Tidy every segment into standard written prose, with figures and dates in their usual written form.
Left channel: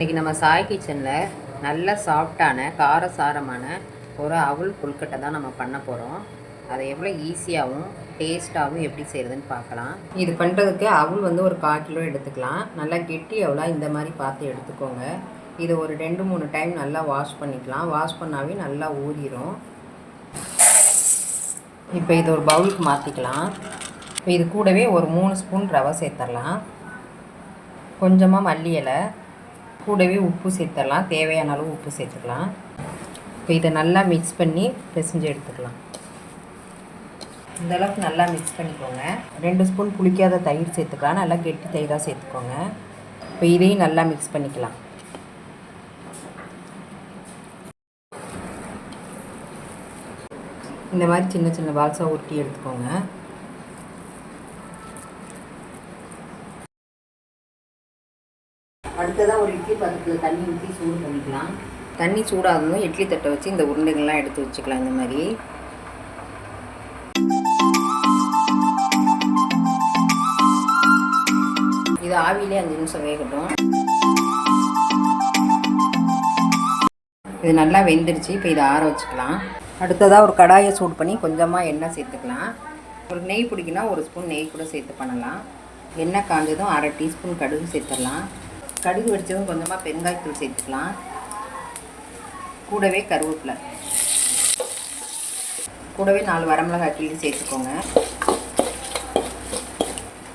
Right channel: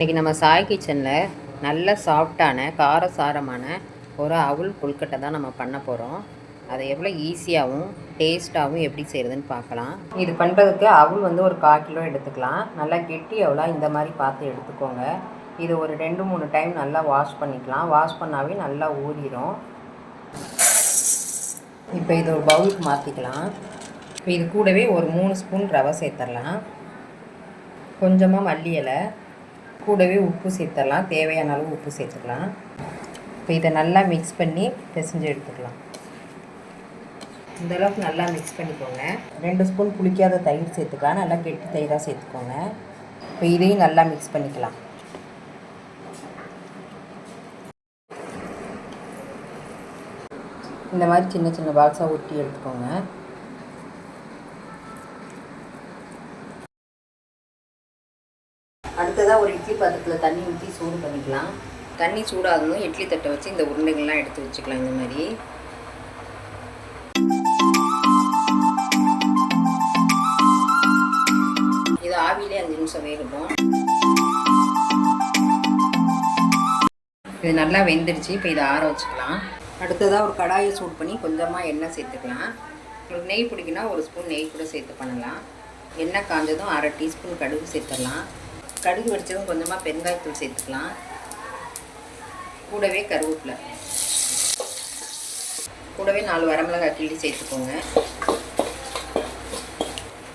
இன்றைக்கி நம்ம சாய் கிச்சனில் நல்ல சாஃப்டான காரசாரமான ஒரு அவுல் கொழுக்கட்டை தான் நம்ம பண்ண போகிறோம். அதை எவ்வளோ ஈஸியாகவும் டேஸ்ட்டாகவும் எப்படி செய்கிறதுன்னு பார்க்கலாம். இது பண்ணுறதுக்கு அவுல் ஒரு 1/4 கிலோ எடுத்துக்கலாம். நல்லா கெட்டி அவுலா இந்த மாதிரி பார்த்து எடுத்துக்கோங்க. இது ஒரு 2-3 டைம் நல்லா வாஷ் பண்ணிக்கலாம். வாஷ் பண்ணாவே நல்லா ஊறிடும். இப்போ இது ஒரு பவுலுக்கு மாற்றிக்கலாம். இப்போ இது கூடவே ஒரு 3 ஸ்பூன் ரவை சேர்த்துடலாம். கொஞ்சமாக மல்லி இலை, கூடவே உப்பு சேர்த்துடலாம். தேவையான அளவு உப்பு சேர்த்துக்கலாம். இப்போ இதை நல்லா மிக்ஸ் பண்ணி பிசைஞ்சு எடுத்துக்கலாம். இந்தளவுக்கு நல்லா மிக்ஸ் பண்ணிக்கோங்க. 2 ஸ்பூன் புளிக்காத தயிர் சேர்த்துக்கலாம். நல்லா கெட்டி தயிராக சேர்த்துக்கோங்க. இப்போ இதையும் நல்லா மிக்ஸ் பண்ணிக்கலாம். இந்த மாதிரி சின்ன சின்ன பால்ஸாக ஊற்றி எடுத்துக்கோங்க. அடுத்ததாக ஒரு இட்லி பாத்திரத்தில் தண்ணி ஊற்றி சூடு பண்ணிக்கலாம். தண்ணி சூடாகணும். இட்லி தட்டை வச்சு இந்த உருண்டைகள்லாம் எடுத்து வச்சுக்கலாம். இந்த மாதிரி இது ஆவியிலே 5 நிமிஷம் வேகட்டும். இது நல்லா வெந்துடுச்சு. இப்போ இதை ஆற வச்சுக்கலாம். அடுத்ததாக ஒரு கடாயை சூடு பண்ணி கொஞ்சமாக எண்ணெய் சேர்த்துக்கலாம். உங்களுக்கு நெய் பிடிக்குன்னா 1 ஸ்பூன் நெய் கூட சேர்த்து பண்ணலாம். எண்ணெய் காஞ்சதும் 1/2 டீஸ்பூன் கடுகு சேர்த்துடலாம். கடுகு வெடிச்சதும் கொஞ்சமாக பெருங்காயத்தூள் சேர்த்துக்கலாம். கூடவே கருவேப்பிலை, கூடவே 4 வரமிளகாய் கிள்ளி சேர்த்துக்கோங்க.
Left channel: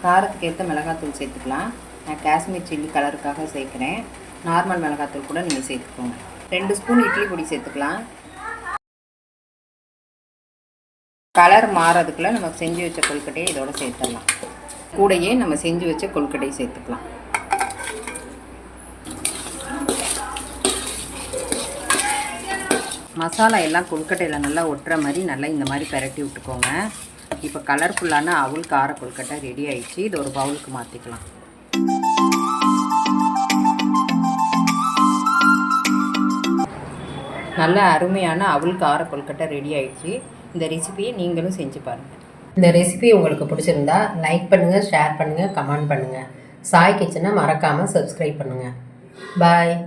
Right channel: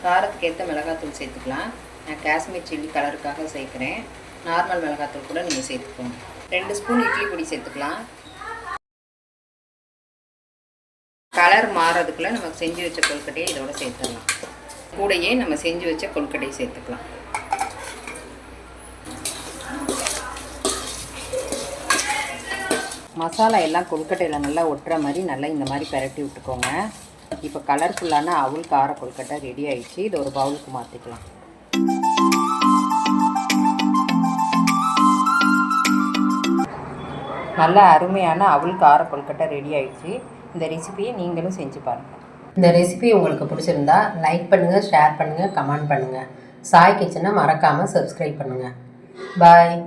காரத்துக்கு ஏற்ற மிளகாத்தூள் சேர்த்துக்கலாம். நான் காஷ்மீர் சில்லி கலருக்காக சேர்க்குறேன். நார்மல் மிளகாத்தூள் கூட நீங்கள் சேர்த்துக்கோங்க. 2 ஸ்பூன் இட்லி பொடி சேர்த்துக்கலாம். கலர் மாறதுக்குள்ளே நம்ம செஞ்சு வச்ச கொழுக்கட்டையை இதோட சேர்த்துடலாம். கூடையே நம்ம செஞ்சு வச்ச கொழுக்கட்டையை சேர்த்துக்கலாம். மசாலா எல்லாம் கொழுக்கட்டையில் நல்லா ஒட்டுற மாதிரி நல்லா இந்த மாதிரி பரட்டி விட்டுக்கோங்க. இப்போ கலர்ஃபுல்லான அவுல் கார கொழுக்கட்டை ரெடி ஆகிடுச்சு. இது ஒரு பவுலுக்கு மாற்றிக்கலாம். நல்ல அருமையான அவுல் கார கொழுக்கட்டை ரெடி ஆகிடுச்சு. இந்த ரெசிபியை நீங்களும் செஞ்சு பாருங்கள். இந்த ரெசிபி உங்களுக்கு பிடிச்சிருந்தா லைக் பண்ணுங்கள், ஷேர் பண்ணுங்கள், கமெண்ட் பண்ணுங்கள். சாய் கிச்சனை மறக்காமல் சப்ஸ்கிரைப் பண்ணுங்கள். பாய்.